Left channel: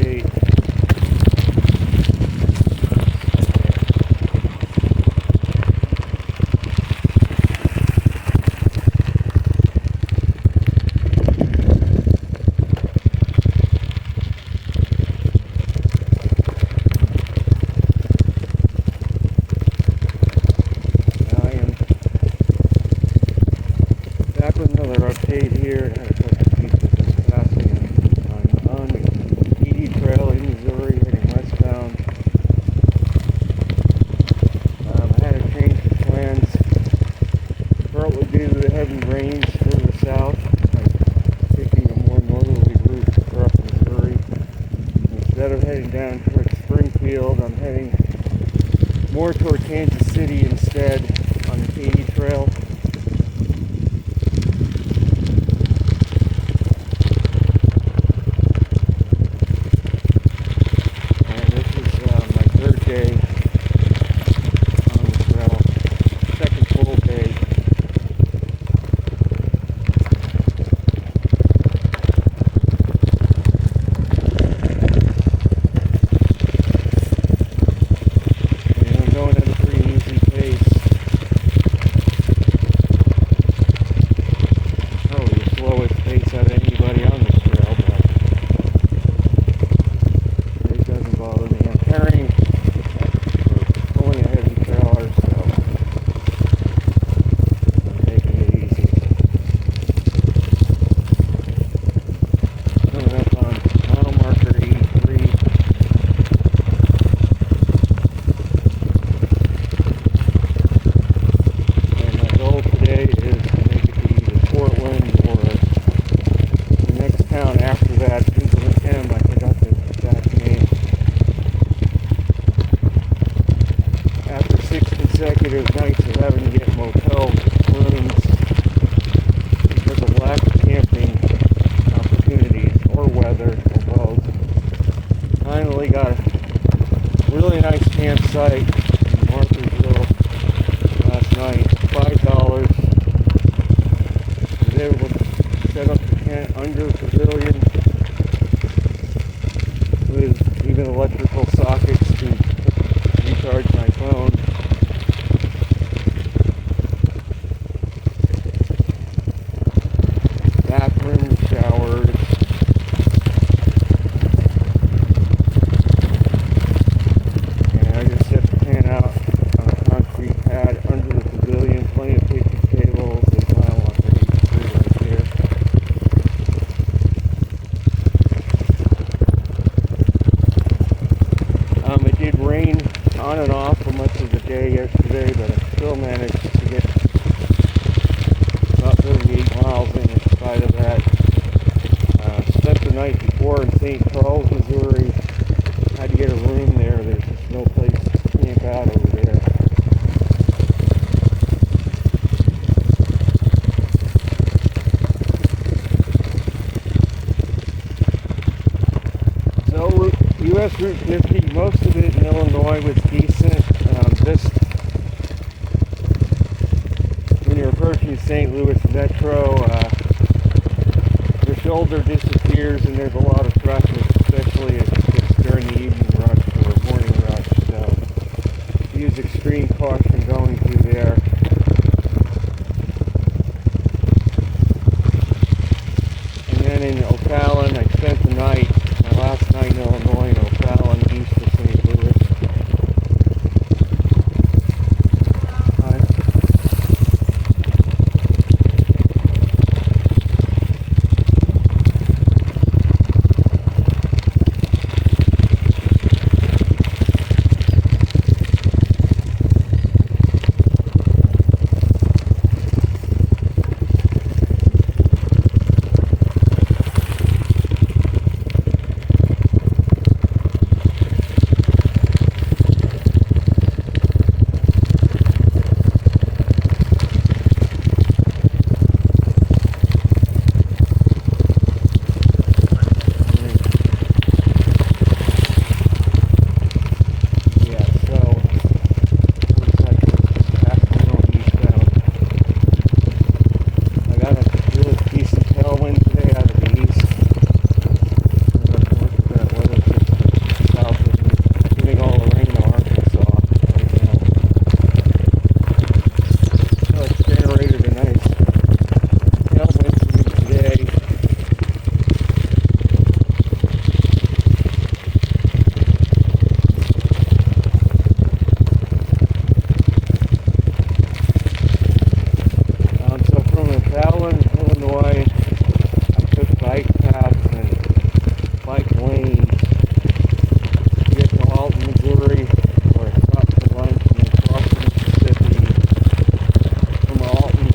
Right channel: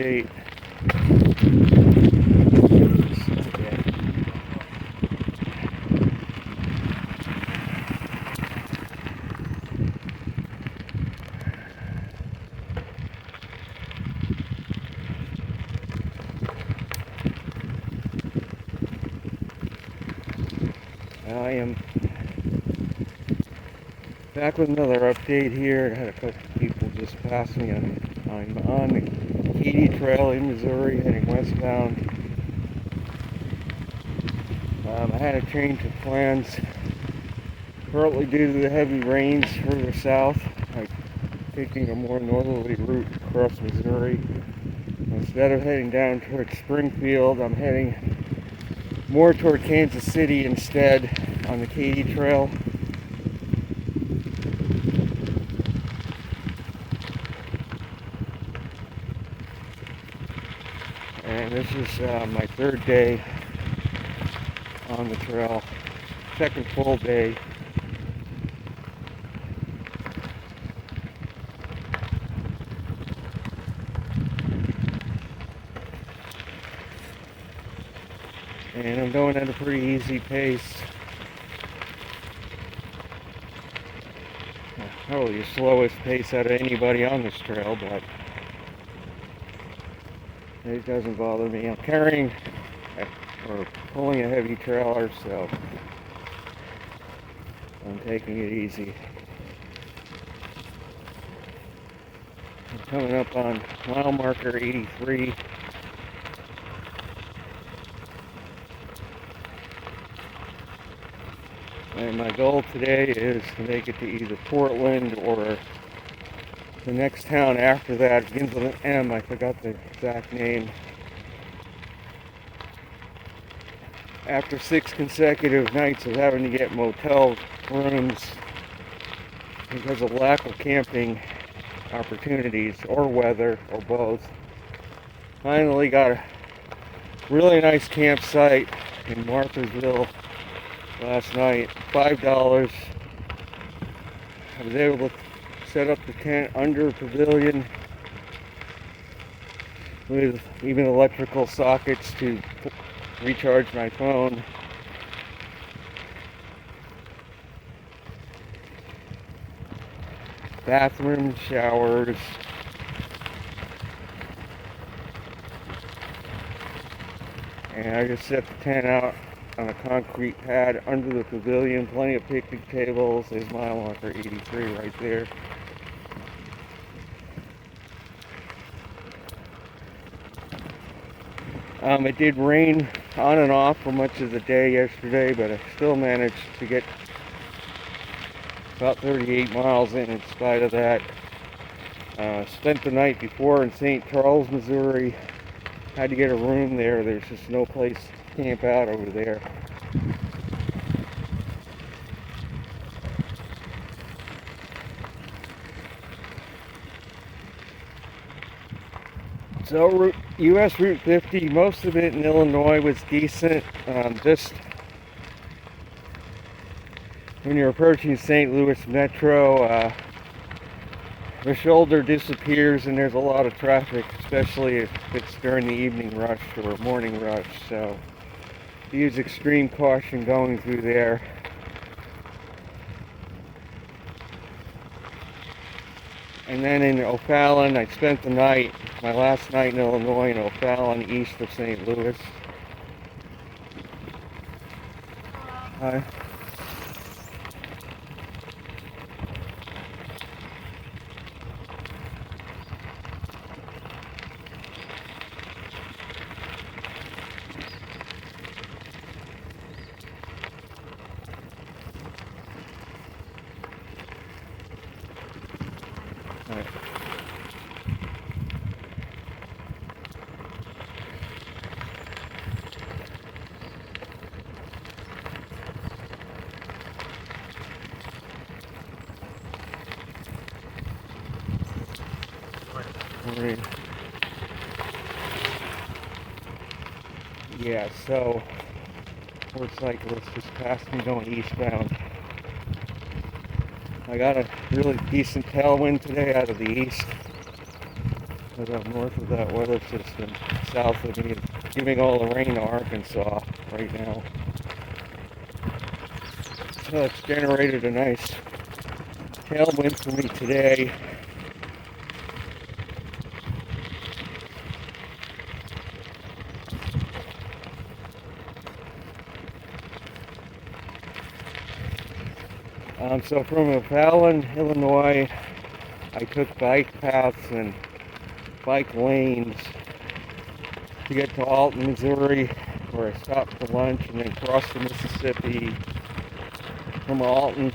update. I am back with another update here. I had a couple people just pass me. I'm on the Katy Trail in Missouri, heading westbound. I had a change of plans, partly due to the heavy rains further south. I'm taking a more northerly route across Missouri. Instead of heading down towards Springfield, I'm heading more toward Kansas City instead on the Katy Trail. And this is my third day on the trail, second full day. And I'm going at a pretty easy pace. Probably the slowest pace out of anybody on this trail, but it doesn't bother me. I'm carrying or pulling a heavy trailer, so I'm taking it easy. Coming up on mile marker 83. And my goal today is to make it to either Portland or the next town after that, begins with an M. I forgot the exact name. After 6 consecutive nights of having to get motel rooms because of lack of camping opportunities or weather or both, finally got a really nice campsite in Martharsville last night. $5. I was able to set up the tent under a pavilion with even electrical sockets to recharge my phone. Bathrooms, showers. And I just set the tent out on a concrete pad under the pavilion. Plenty of picnic tables. There's mile marker 83 right there. It did rain on and off for much of the day yesterday, but I still managed to get about 38 miles in spite of that. Spent the night before in St. Charles, Missouri. Had to get a room there. There's just no place to camp out over there. So U.S. Route 50, most of it in Illinois was decent. Just when you're approaching St. Louis Metro, the shoulder disappears and there's a lot of traffic, especially if it's during the evening rush or morning rush. So use extreme caution going through there. And then in O'Fallon, I spent the night, my last night in Illinois, in O'Fallon, east of St. Louis. absorbing all the rain in Arkansas right now. So it's generated a nice tailwind for me today. So from McAllen, Illinois, I took bike paths and bike lanes to get to Alton, Missouri, where I stopped for lunch, and then crossed the Mississippi from Alton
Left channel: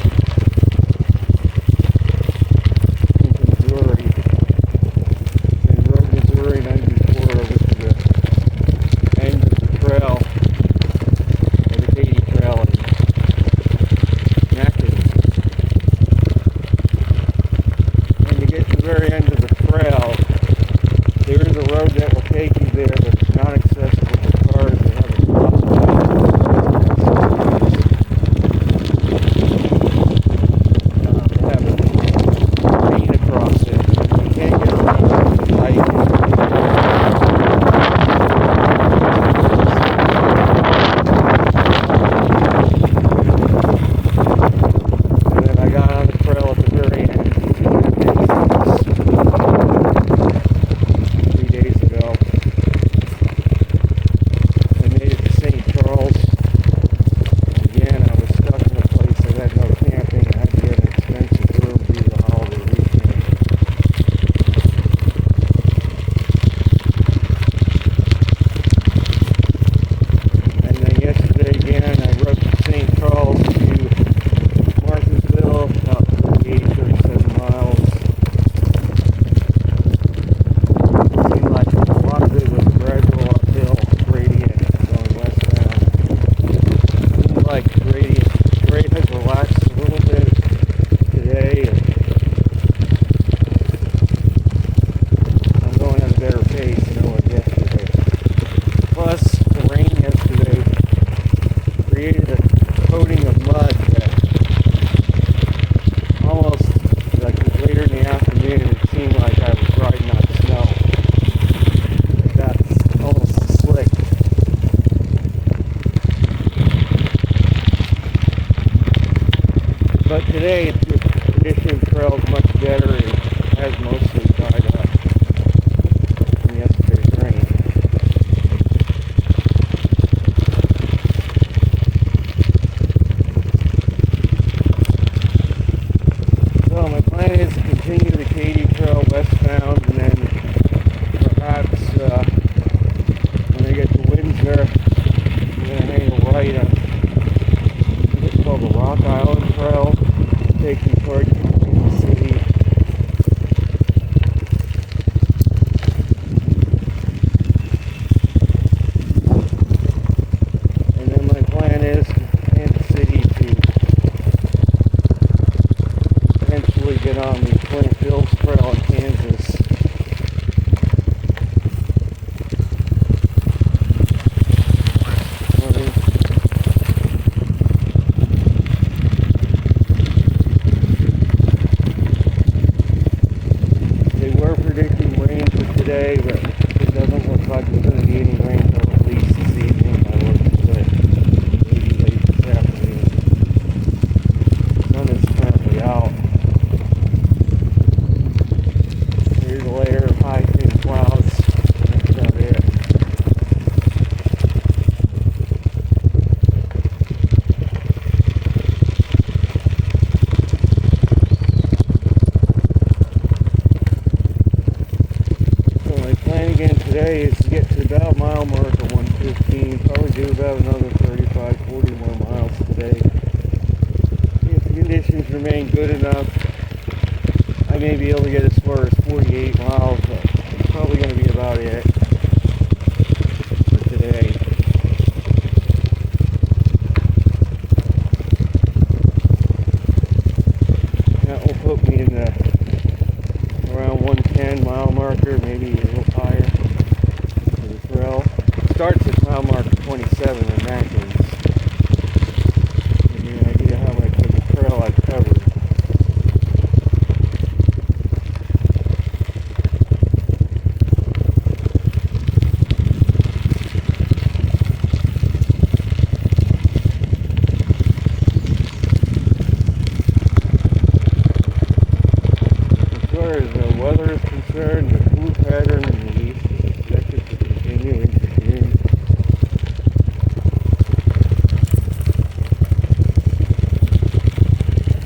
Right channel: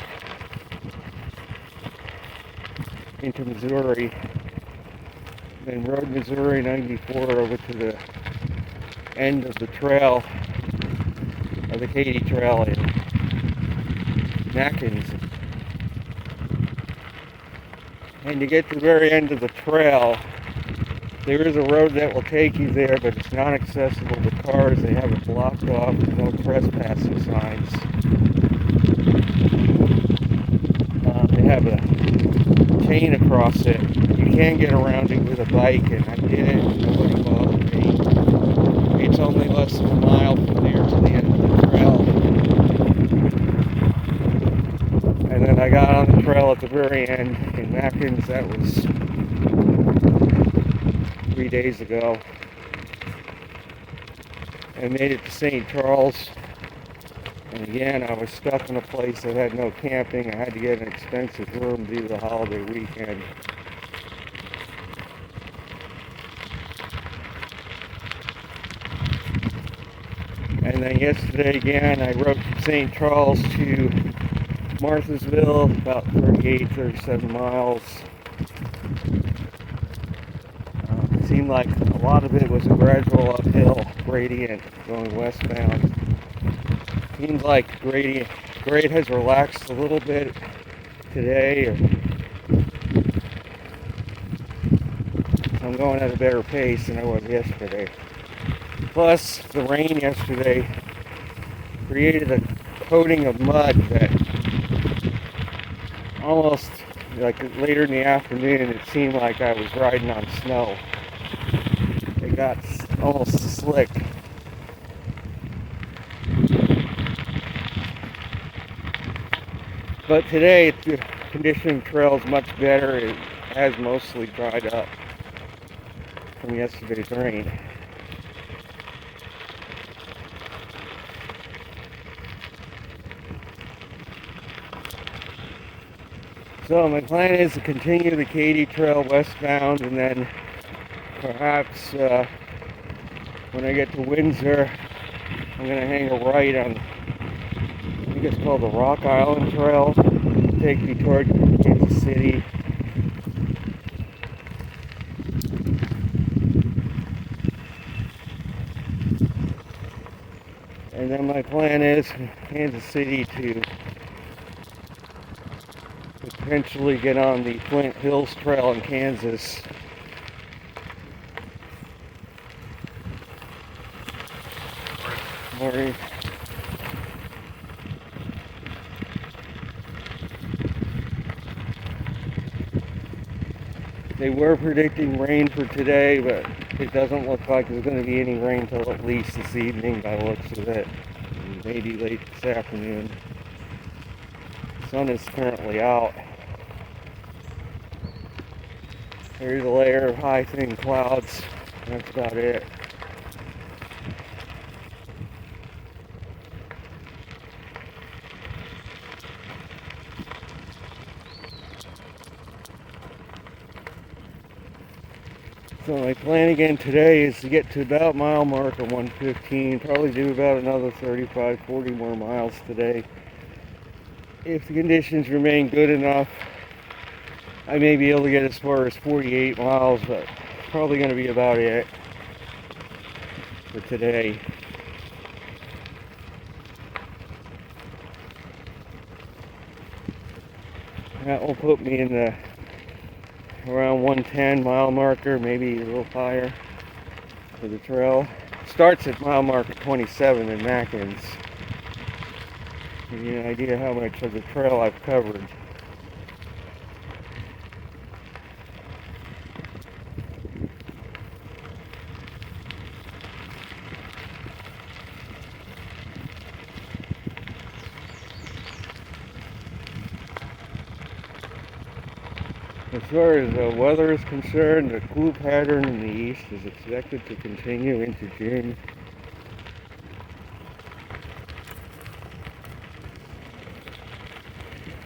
into Missouri, then rode Missouri 94 over to the end of the trail, of the Katy Trail in Atkins. And to get to the very end of the trail, there is a road that will take you there, but it's not accessible to cars. They have it blocked off with trespass signs. They have a chain across it. You can't get around it with a bike, and then I got on the trail at the very end. That was 3 days ago. I made it to St. Charles. And again, I was stuck in a place that had no camping. I had to get an expensive room due to the holiday weekend. And then yesterday again, I rode from St. Charles to Marthasville, about 37 miles. It seemed like a lot of it was a gradual uphill gradient going westbound. It seems like grade has relaxed a little bit today. I'm going at a better pace than I was yesterday. Plus, the rain yesterday created a coating of mud that almost, like later in the afternoon, it seemed like I was riding on snow. It got almost slick. But today, the condition of the trail is much better. It has mostly dried up from yesterday's rain. So my plan is to continue the Katy Trail westbound, and then perhaps when I get to Windsor, I'm going to hang a right on, I think it's called the Rock Island Trail. It'll take me toward Kansas City. And then my plan is from Kansas City to eventually get on the Flint Hills Trail in Kansas. They were predicting rain for today, but it doesn't look like there's going to be any rain until at least this evening by the looks of it. Maybe late this afternoon. The sun is currently out. There's a layer of high thin clouds. That's about it. So my plan again today is to get to about mile marker 115. Probably do about another 35, 40 more miles today. If the conditions remain good enough, I may be able to get as far as 48 miles, but it's probably going to be about it for today. That will put me in the around 110 mile marker, maybe a little higher for the trail. It starts at mile marker 27 in Atkins. Give you an idea how much of the trail I've covered. far as the weather is concerned, the cool pattern in the east is expected to continue into June.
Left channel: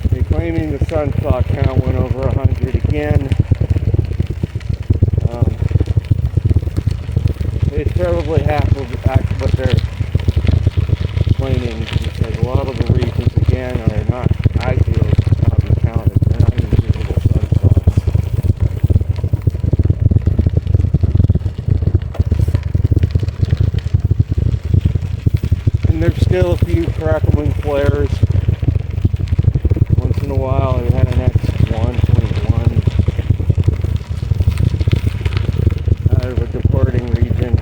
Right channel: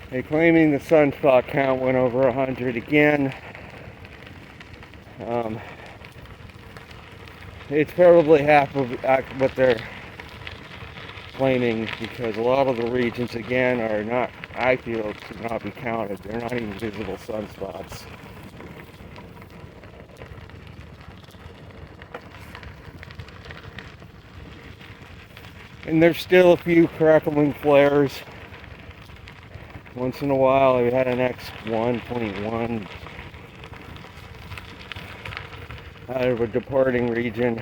They're claiming the sunspot count went over 100 again. It's probably half of what they're claiming, because a lot of the regions again are not, I feel, not be counted. They're not even visible sunspots. And there's still a few crackling flares. Once in a while, we had an X121 out of a departing region.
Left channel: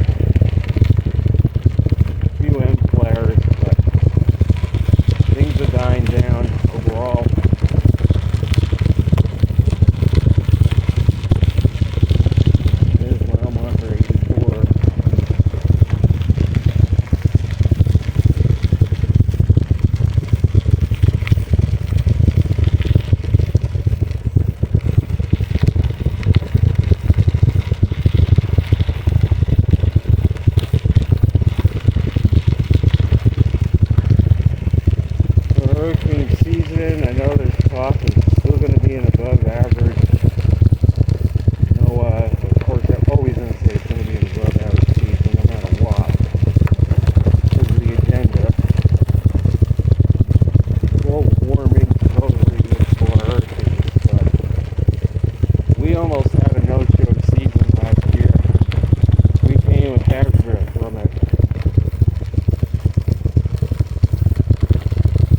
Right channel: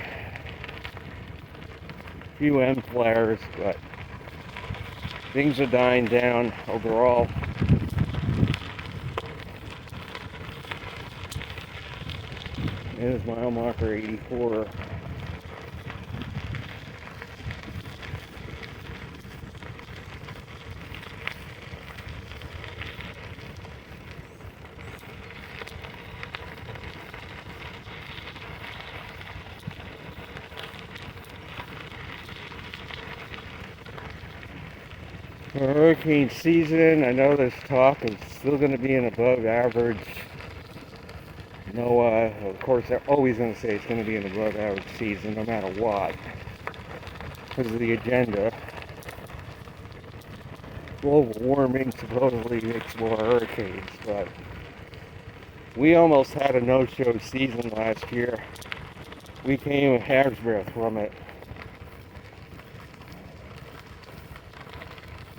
A few M flares, but things are dying down overall. There's mile marker 84. Hurricane season, I know there's talk it's still going to be an above average. Of course, I'm always going to say it's going to be an above average season no matter what, because of the agenda. Global warming supposedly makes more hurricanes, but we almost had a no-show season last year. We came a hair's breadth from it.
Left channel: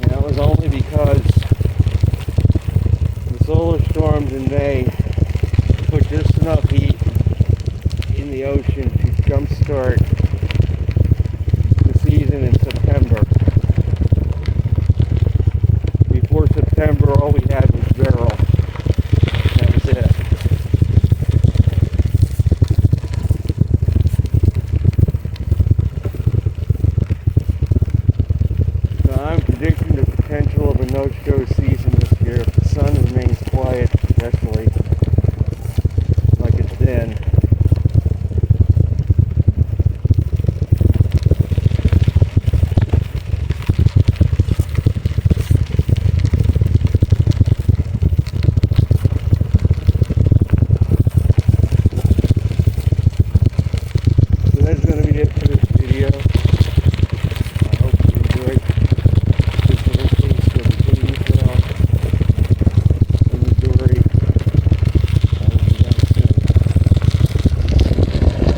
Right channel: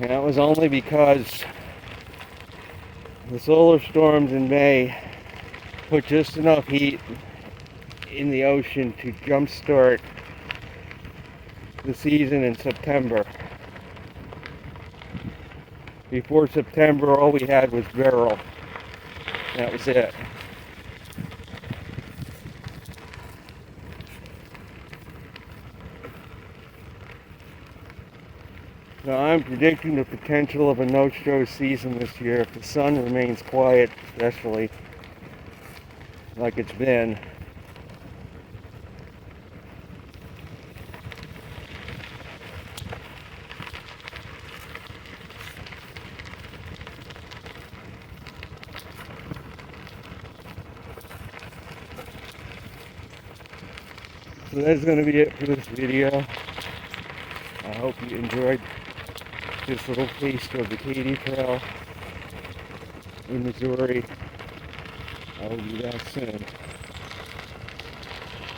And that was only because the solar storms in May put just enough heat in the ocean to jumpstart the season in September. Before September, all we had was Beryl. That was it. I'm predicting the potential of a no-show season this year if the sun remains quiet, especially like it's been. So that's going to be it for this video. I hope you enjoyed this little